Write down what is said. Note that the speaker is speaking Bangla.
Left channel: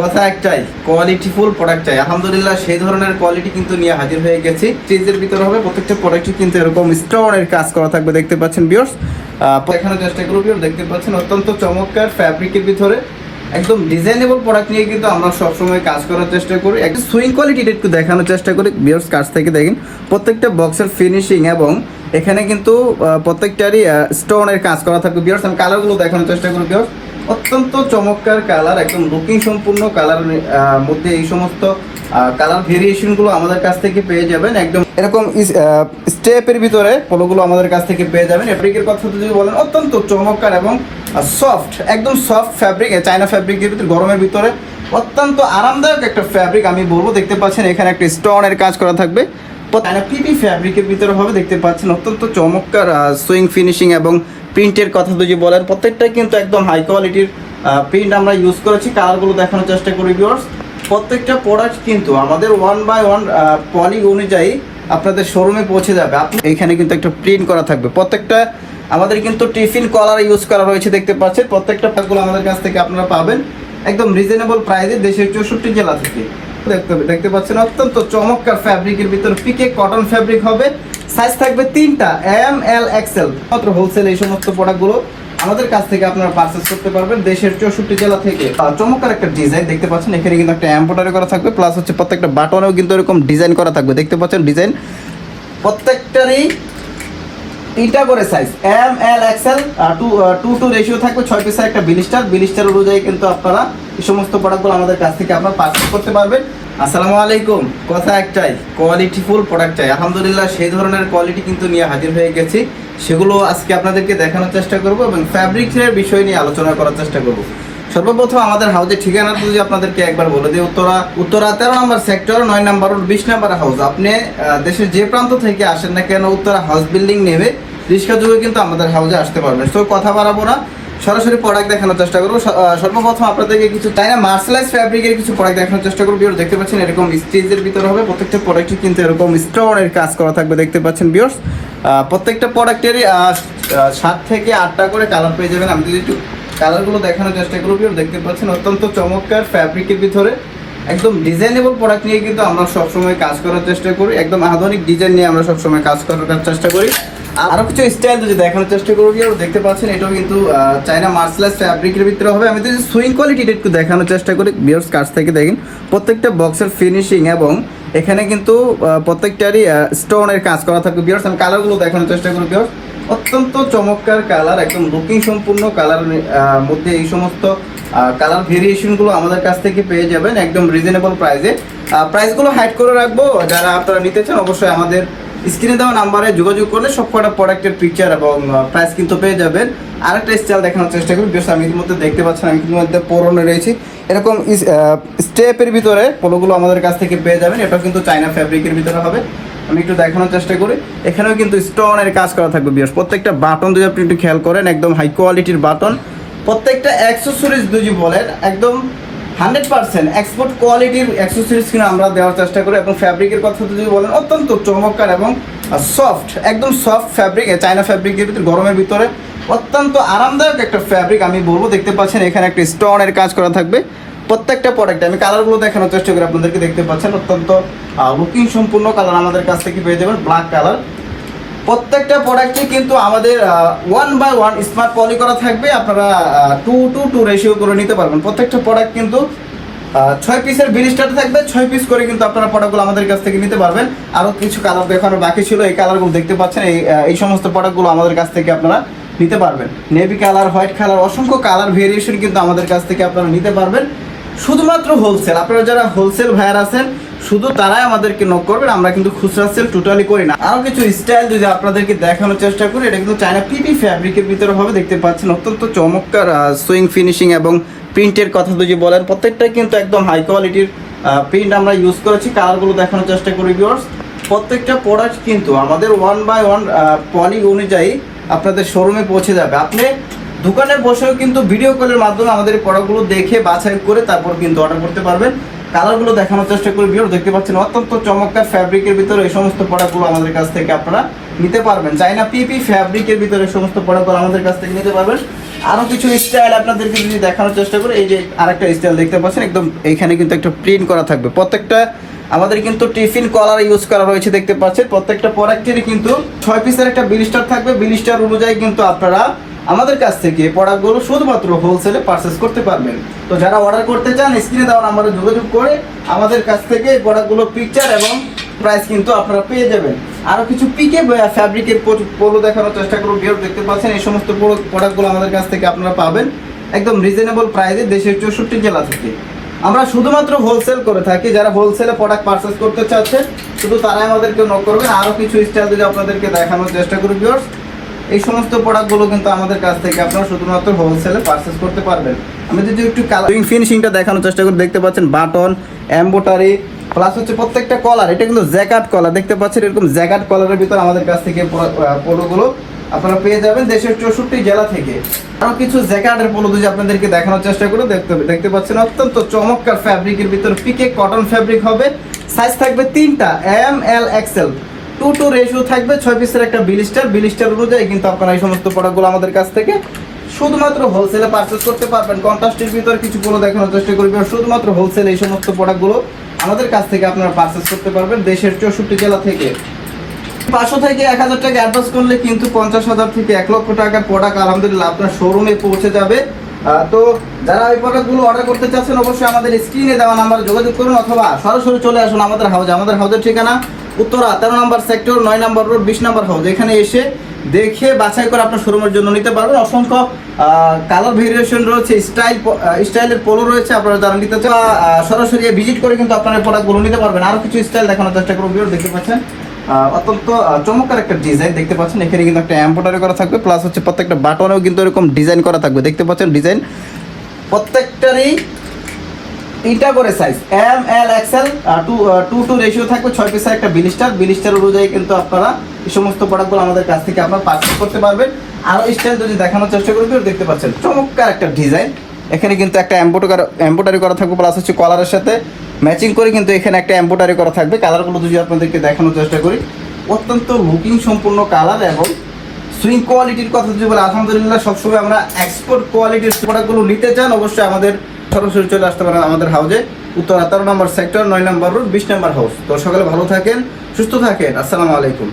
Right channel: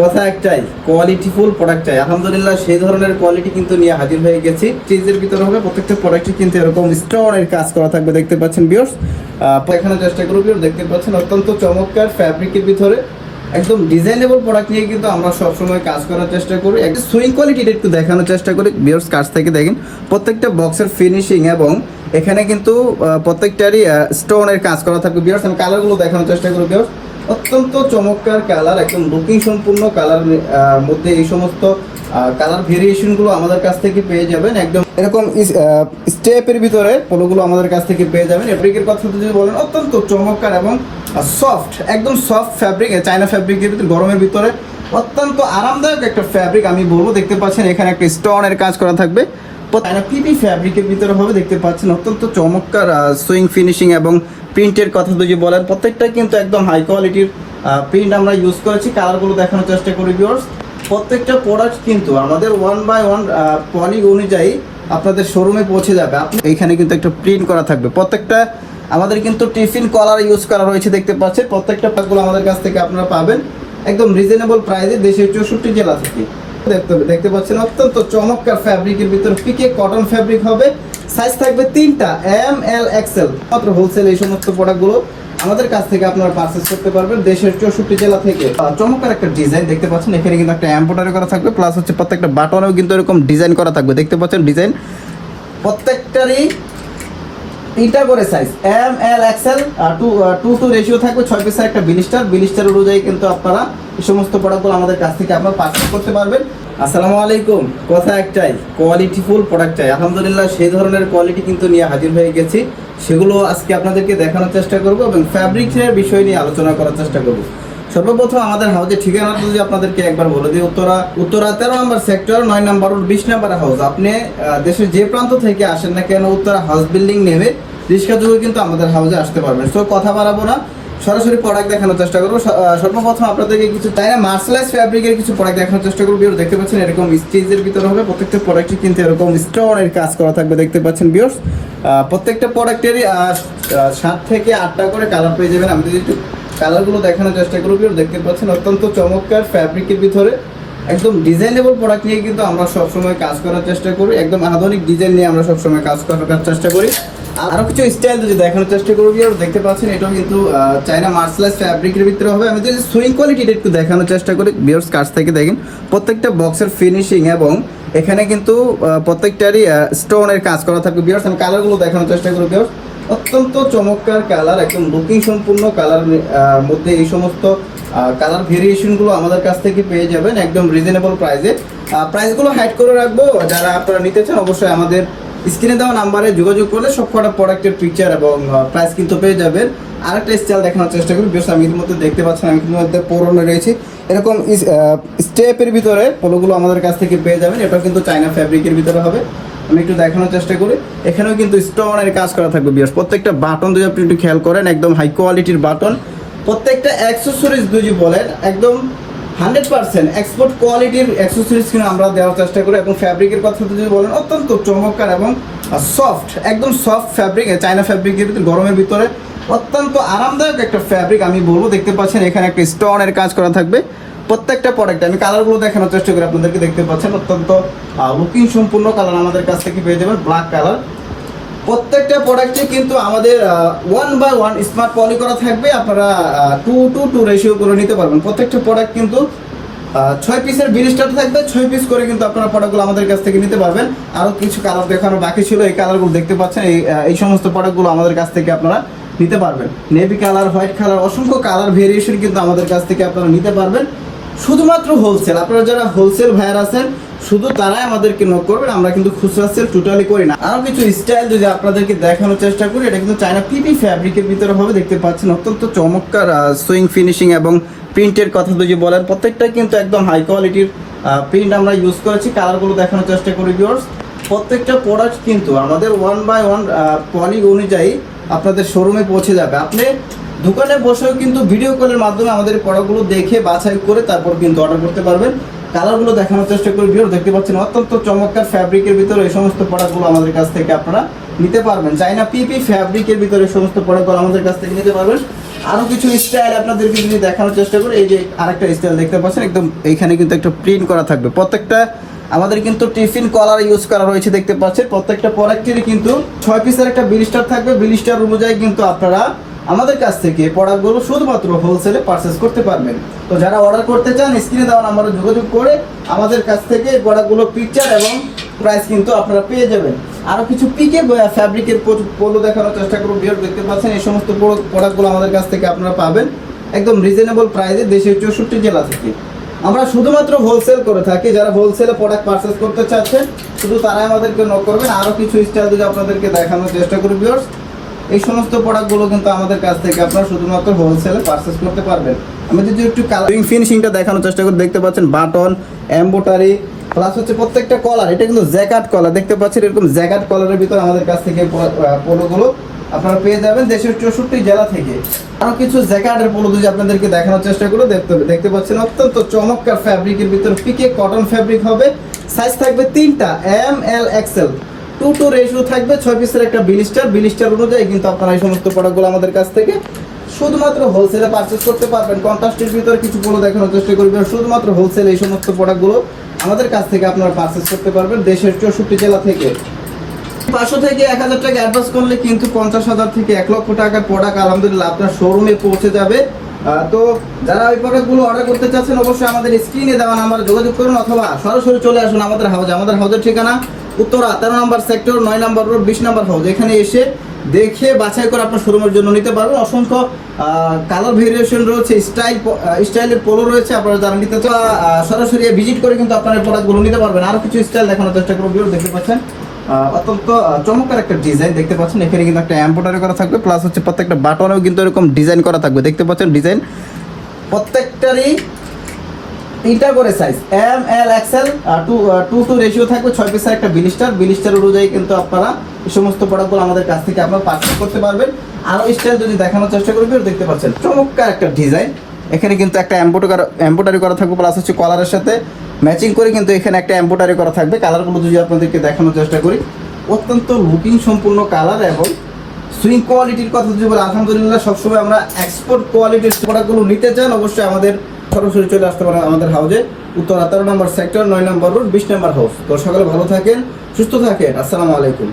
কথা একটাই, কোয়ালিটিফুল প্রোডাক্ট চাই। আলহামদুলিল্লাহ সেই ধরনের কোয়ালিটি কিন্তু নিয়ে হাজির হয়ে গেছি। ফ্রিজের ভিতরে হবে প্রত্যেকটা প্রোডাক্টই কিন্তু এরকম স্টোনের কাজ করা থাকবে, দেখতে পাচ্ছেন ভিউয়ার্স। এখানে চেষ্টা করব ভিউয়ার্স, দেখতে পাচ্ছেন অত্যন্ত চমৎকার ফ্যাব্রিকের ভিতরে একদম ডিজাইনেবল প্রোডাক্ট নিয়ে কিন্তু আমরা সবসময় কাজ করার চেষ্টা করি। একটু সুইং কোয়ালিটিটা একটু দেখানোর চেষ্টা করি ভিউয়ার্স। কাছ থেকে দেখেন প্রত্যেকটা বক্সের ফিনিশিং এবং এখানে কিন্তু প্রত্যেকটারই স্টোনের কাজ করা থাকবে ভিউয়ার্স। আমি কালারগুলো দেখানোর চেষ্টা করি ভিউয়ার্স। অত্যন্ত চমৎকার কালার, একদম লুকিং সম্পূর্ণ কালার মধ্যে এই সমস্ত কালার ভেরিয়েশনগুলো আমাদের কাছ থেকে পেয়ে যাবেন। একদম এরকম স্টেপের ভিতরে পোলোগুলো আমাদের কাছ থেকে পেয়ে যাবেন। ফ্যাব্রিকের কথা যদি বলেন অত্যন্ত চমৎকার এবং সফট, একদম সফট ফ্যাব্রিক, চায়না ফ্যাব্রিকের ভিতরে গরমের ভিতরে অত্যন্ত আরামদায়ক একটা ফ্যাব্রিক আমি বলবো। দেখতে পাচ্ছেন এখানে একটা স্টোনের কাজ করা থাকবে, পিপি ফ্যাব্রিকের ভিতরে হবে। দেখতে পাচ্ছেন অত্যন্ত চমৎকার সুইং ফিনিশিং এবং প্রিন্টের কথা যদি বলেন প্রত্যেকটা কিন্তু একদম হাই কোয়ালিটির প্রিন্ট আমরা ইউজ করেছি। কালারগুলো দেখানোর চেষ্টা করি ভিউয়ার্স। প্রত্যেকটা প্রোডাক্ট কিন্তু আমাদের 1/1 পলি অনুযায়ী আপনাদের শোরুমে পৌঁছে যাবে। আপনি এখানে কিন্তু একটা প্রিন্ট করা থাকবে। প্রত্যেকটা আমাদের কিন্তু টিফিন কলার ইউজ করা হয়েছে, দেখতে পাচ্ছেন। প্রত্যেকটা প্যাকগুলো আমাদের কাছ থেকে আপনারা পাবেন একদম রিজনেবল প্রাইসে, দেশের 64 জেলা থেকে। দেখতে পাচ্ছেন অত্যন্ত চমৎকার ফ্যাব্রিকের ভিতরে পিকে কটন ফ্যাব্রিক হবে। সাইজ থাকবে 3টা, এম এল এক্সেল। মাত্র হোলসেল এই সমস্ত প্রোডাক্টগুলো আমাদের কাছ থেকে আপনারা পারচেজ করতে পারবেন দেশের 64 জেলা থেকে। চমৎকার একটা ডিজাইন দেখতে পাচ্ছেন, এখানে কিন্তু একটা এমব্রয়ডারি করা থাকবে, প্লাস হচ্ছে প্রত্যেকটা বাটনেও কিন্তু এরকম ডিজাইন করা থাকবে। দেখতে পাচ্ছেন ডিজাইন প্রত্যেকটারই 3টা করে size, M L XL, 2:2 ratio থাকবে। 6 পিসের একটা বিলিস্টার অনুযায়ী কিন্তু আপনারা এই সমস্ত প্রোডাক্টগুলো আমাদের কাছ থেকে আপনারা পারচেজ করতে পারবেন। আসসালামু আলাইকুম। কথা একটাই, কোয়ালিটিফুল প্রোডাক্ট চাই। আলহামদুলিল্লাহ সেই ধরনের কোয়ালিটি কিন্তু নিয়ে হাজির হয়ে গেছি। সেগুলো আজকে আপনাদেরকে দেখানোর চেষ্টা করব এবং ফ্যাব্রিকের বিষয় নিয়ে আলোচনা করার চেষ্টা করব। সর্বপ্রথম আমাদের হাউসের ঠিকানাটা যদি আপনাদেরকে একবার বলে দিই, উত্তরা 13 নম্বর সেক্টর, 9 নম্বর 20 নম্বর হাউস। আপনি দেশের যে প্রান্ত থেকে আসেন না কেন, উত্তরা হাউস বিল্ডিং নেমে রিক্সা যুগে কিন্তু আমাদের হাউসে আসতে পারবেন। তো কথা বাড়াবো না, সরাসরি প্রোডাক্ট দেখানোর চেষ্টা করবো। সর্বপ্রথম আপনাদেরকে কিছু চায়না মার্শালাইজ ফ্যাব্রিকের কিছু প্রোডাক্ট দেখানোর চেষ্টা করবো। ভিউয়ার্স দেখতে পাচ্ছেন এরকম স্টিচের ভিতরে হবে। প্রত্যেকটা প্রোডাক্টই কিন্তু এরকম স্টোনের কাজ করা থাকবে, দেখতে পাচ্ছেন ভিউয়ার্স। প্রত্যেকটা প্রোডাক্টেরই 7 থেকে 8টা করে কালার পেয়ে যাবেন। আমি যদি একটু কালারগুলো দেখানোর চেষ্টা করবো। ভিউয়ার্স দেখতে পাচ্ছেন অত্যন্ত চমৎকার ফ্যাব্রিকের ভিতরে একদম ডিজাইনেবল প্রোডাক্ট নিয়ে কিন্তু আমরা সবসময় কাজ করার চেষ্টা করি। একদম আধুনিক ডিজাইন নিয়ে আমরা সবসময় কাজ করার চেষ্টা করি। আরো কিছু স্টাইল যদি দেখানোর চেষ্টা করবি, দেখতে পাচ্ছেন এটাও কিন্তু চায়না মার্শালাইজ ফ্যাব্রিকের ভিতরে হবে। আমি যদি সুইং কোয়ালিটিটা একটু দেখানোর চেষ্টা করি ভিউয়ার্স, কাছ থেকে দেখেন প্রত্যেকটা বক্সের ফিনিশিং এবং এখানে কিন্তু প্রত্যেকটারই স্টোনের কাজ করা থাকবে ভিউয়ার্স। আমি কালারগুলো দেখানোর চেষ্টা করি ভিউয়ার্স। অত্যন্ত চমৎকার কালার, একদম লুকিং সম্পূর্ণ কালার মধ্যে এই সমস্ত কালার ভেরিয়েশনগুলো আমাদের কাছ থেকে পেয়ে যাবেন একদম রিজনেবল প্রাইসে। প্রাইসগুলো হাইড করে রাখবো, যারা আপনারা নিতে চান অবশ্যই আমাদের স্ক্রিনে দেওয়া নাম্বারে যোগাযোগ করলে সবকটা প্রোডাক্টের পিকচার এবং প্রাইস কিন্তু পেয়ে যাবেন। আরেকটা স্টাইল দেখানোর চেষ্টা করি বেশ। আমি এর মধ্যে দেখতে পাচ্ছেন আমি এর মধ্যে পরনে রয়েছে এরকম স্টেপের ভিতরে পোলোগুলো আমাদের কাছ থেকে পেয়ে যাবেন। এটাও কিন্তু চায়না ফ্যাব্রিকের ভিতরে হবে। আমি একটু দেখানোর চেষ্টা করি। এখানেও কিন্তু স্টোনের কাজ করা থাকবে বিয়ার্স। প্রত্যেকটা বাটন যদি আপনি একটু খেয়াল করেন একদম হাই কোয়ালিটির বাটন। প্রত্যেকটা অ্যাক্সেসরিজ যদি বলেন একদম 100% এক্সপোর্ট কোয়ালিটির অ্যাক্সেসরিজ কিনে আমরা দেওয়ার চেষ্টা করি। এবং ফ্যাব্রিকের কথা যদি বলেন অত্যন্ত চমৎকার এবং সফট, একদম সফট ফ্যাব্রিক, চায়না ফ্যাব্রিকের ভিতরে গরমের ভিতরে অত্যন্ত আরামদায়ক একটা ফ্যাব্রিক আমি বলবো। দেখতে পাচ্ছেন এখানে একটা স্টোনের কাজ করা থাকবে প্রত্যেকটা প্রোডাক্টে। আমি কালারগুলো দেখানোর চেষ্টা করি আপনাদেরকে। দেখতে পাচ্ছেন অত্যন্ত লুকিং সম্পূর্ণ কালার আমাদের কাছ থেকে পেয়ে যাবেন, ব্ল্যাক কালার। প্রত্যেকটা প্রোডাক্টে কিন্তু আমাদের 1/1 স্মার্ট পলি করা থাকবে। আপনারা 2:2 রেশিও করে নিতে পারবেন। প্রত্যেকটা প্রোডাক্ট কিন্তু 6 পিসের বিলিস্টার থাকবে। 6 পিস করে কিন্তু আপনারা প্রোডাক্টগুলো আমাদের কাছ থেকে নিতে পারবেন। আরও কিছু কালার দেখানো বাকি ছিল, এই কালারগুলো দেখতে পাচ্ছেন। এই সমস্ত প্রোডাক্টগুলো আমাদের কাছ থেকে আপনারা নিতে পারবেন। নেভি কালার, হোয়াইট কালার, অসংখ্য কালার ভেরিয়েশন কিন্তু আমাদের কাছ থেকে আপনারা নিতে পারবেন। শুধুমাত্র হোলসেল, আপনারা যারা হোলসেল ভাইয়ার আছেন শুধু তারাই আমাদেরকে নক করবেন। আমরা কিন্তু খুচরা সেল টোটালি করি না। আরো কিছু স্টাইল যদি আপনাদেরকে দেখানোর চেষ্টা করি, এটা কিন্তু চায়না পিপি ফ্যাব্রিকের ভিতরে হবে। দেখতে পাচ্ছেন অত্যন্ত চমৎকার সুইং ফিনিশিং এবং প্রিন্টের কথা যদি বলেন প্রত্যেকটা কিন্তু একদম হাই কোয়ালিটির প্রিন্ট আমরা ইউজ করেছি। কালারগুলো দেখানোর চেষ্টা করি ভিউয়ার্স। প্রত্যেকটা প্রোডাক্ট কিন্তু আমাদের 1/1 পলি অনুযায়ী আপনাদের শোরুমে পৌঁছে যাবে। আপনি দোকানে বসেও কিন্তু ভিডিও কলের মাধ্যমে আমাদের প্রোডাক্টগুলো দেখে বাছাই করে তারপর কিন্তু অর্ডার করতে পারবেন। কালারগুলো দেখানোর চেষ্টা করি ভিউয়ার্স। দেখতে পাচ্ছেন অত্যন্ত চমৎকার ফ্যাব্রিকের ভিতরে এই সমস্ত প্রোডাক্টগুলো আমাদের কাছ থেকে আপনারা নিতে পারবেন। চায়না পিপি ফ্যাব্রিকের ভিতরে সমস্ত প্রোডাক্টগুলো আমাদের কাছ থেকে নিতে পারবেন। আরো কিছু স্টাইল আপনাদেরকে যদি দেখানোর চেষ্টা করি, এই যে আরেকটা স্টাইল দেখতে পাচ্ছেন, একদম এইখানে কিন্তু একটা প্রিন্ট করা থাকবে। প্রত্যেকটা আমাদের কিন্তু টিফিন কলার ইউজ করা হয়েছে দেখতে পাচ্ছেন। প্রত্যেকটা প্রোডাক্টেরই কিন্তু 6 পিসের একটা বিলিস্টার থাকবে। বিলিস্টার অনুযায়ী কিন্তু আপনারা আমাদের কাছ থেকে প্রোডাক্টগুলো শুধুমাত্র হোলসেলে পারচেস করতে পারবেন। তো যারা অর্ডার করতে চান স্ক্রিনে দেওয়া নাম্বারে যোগাযোগ করে আমাদের কাছ থেকে প্রোডাক্টগুলো পিকচার এবং প্রাইস কিন্তু আপনারা পেয়ে যাবেন। আরো কিছু পিকে ফ্যাব্রিকের পোলো দেখানোর চেষ্টা করুন। ভিউয়ার দেখতে পাচ্ছেন এই সমস্ত প্রোডাক্টগুলো আমাদের কাছ থেকে আপনারা পাবেন একদম রিজনেবল প্রাইসে দেশের 64 জেলা থেকে। আমরা শুধুমাত্র হোলসেল করে থাকি। যারা হোলসেলে প্রোডাক্ট পারচেস করতে চাচ্ছেন শুধু তারাই আমাদেরকে নক করবেন। আরো কিছু স্টাইল যদি আপনাদেরকে দেখানোর চেষ্টা করি ভিউয়ার্স, এই সমস্ত প্রোডাক্টগুলো কিন্তু আমাদের কাছ থেকে আপনারা শুধুমাত্র হোলসেলে পারচেস করতে পারবেন। আমি যদি একটু কালারিং ফিনিশিংটা দেখানোর চেষ্টা করি, দেখতে পাচ্ছেন বাটন, এমব্রয়ডারি প্লাস হচ্ছে প্রত্যেকটা কলার, এটা কিন্তু জ্যাকেট কলার দেখতে পাচ্ছেন। এরকম জ্যাকেট কলারের ভিতর আমাদের কাছ থেকে পোলোগুলো আপনারা পেয়ে যাবেন দেশের 64 জেলা থেকে। আরো কিছু জ্যাকেটের পোলো যদি আপনাদেরকে দেখানোর চেষ্টা করে দেখতে পাচ্ছেন অত্যন্ত চমৎকার ফ্যাব্রিকের ভিতর পিকে কটন ফ্যাব্রিক হবে। সাইজ থাকবে 3টা, এম এল এক্সেল। 2:2 রেশিও থাকবে। 6 পিসের একটা বিলিস্টার অনুযায়ী কিন্তু আপনারা এই সমস্ত প্রোডাক্টগুলো আমাদের কাছ থেকে শুধুমাত্র হোলসেলে পারচেস করতে পারবেন। কন্ট্রাস্টের ভিতর কিছু পোলো দেখানোর চেষ্টা করবেন। শুধুমাত্র হোলসেল এই সমস্ত প্রোডাক্টগুলো আমাদের কাছ থেকে আপনারা পারচেস করতে পারবেন দেশের 64 জেলা থেকে। 500 থেকে 1000 টাকা অ্যাডভান্স করলে কিন্তু 50,000 থেকে 1 লক্ষ টাকার প্রোডাক্ট আলহামদুলিল্লাহ আপনার শোরুমে পৌঁছে যাবে। তো যারা এই প্রোডাক্টগুলো অর্ডার করতে চাচ্ছেন অবশ্যই আমাদের স্ক্রিনে দেওয়া নাম্বারে যোগাযোগ করুন অথবা সরাসরি চলে আসুন আমাদের হাউজে। আমাদের হাউজের ঠিকানা উত্তরা 13 নম্বর সেক্টর, 9 নম্বর রোড, 20 নম্বর হাউস। এখানে এসে দেখে বাছাই করে আপনার শোরুমের জন্য নিতে পারবেন। অসংখ্য কালার ভেরিয়েশন রয়েছে, স্টাইলের পোলো রয়েছে। আপনারা যারা নিতে চান সরাসরি ভিজিট করে কিন্তু আপনারা প্রোডাক্টগুলো নিতে পারবেন। আরো কিছু স্টাইল দেখানোর চেষ্টা করুন। দেখতে পাচ্ছেন অত্যন্ত চমৎকার একটা ডিজাইন দেখতে পাচ্ছেন। এখানে কিন্তু একটা এমব্রয়ডারি করা থাকবে প্লাস হচ্ছে প্রত্যেকটা বাটনেও কিন্তু এরকম ডিজাইন করা থাকবে দেখতে পাচ্ছেন। ডিজাইন প্রত্যেকটারই 3টা করে size, M L XL. 2:2 ratio থাকবে। 6 পিসের একটা বিলিস্টার অনুযায়ী কিন্তু আপনারা এই সমস্ত প্রোডাক্টগুলো আমাদের কাছ থেকে আপনারা পারচেজ করতে পারবেন। আরো স্টাইল যদি দেখানোর চেষ্টা করবেন, দেখতে পাচ্ছেন চমৎকার একটা ডিজাইন। এখানে কিন্তু একটা এমব্রয়ডারি করা থাকবে প্লাস হচ্ছে কলারের সাথে ম্যাচিং করে কিন্তু এখানে একটা এমব্রয়ডারি করা থাকবে। কালারগুলো যদি আপনাদেরকে দেখানোর চেষ্টা করি, অত্যন্ত লুকিং সম্পূর্ণ কালার এবং সুইং কোয়ালিটির কথা যদি বলি আলহামদুলিল্লাহ সবসময় আমরা এক্সপোর্ট কোয়ালিটির প্রোডাক্টগুলো নিতে চান অবশ্যই আমাদের সরাসরি চলে আসতে পারেন আমাদের হাউজে, উত্তর 13 নম্বর সেক্টর, 9 নম্বর রোড, 20 নম্বর হাউস। তো সকালে ভালো থাকেন, সুস্থ থাকেন। আসসালামু আলাইকুম।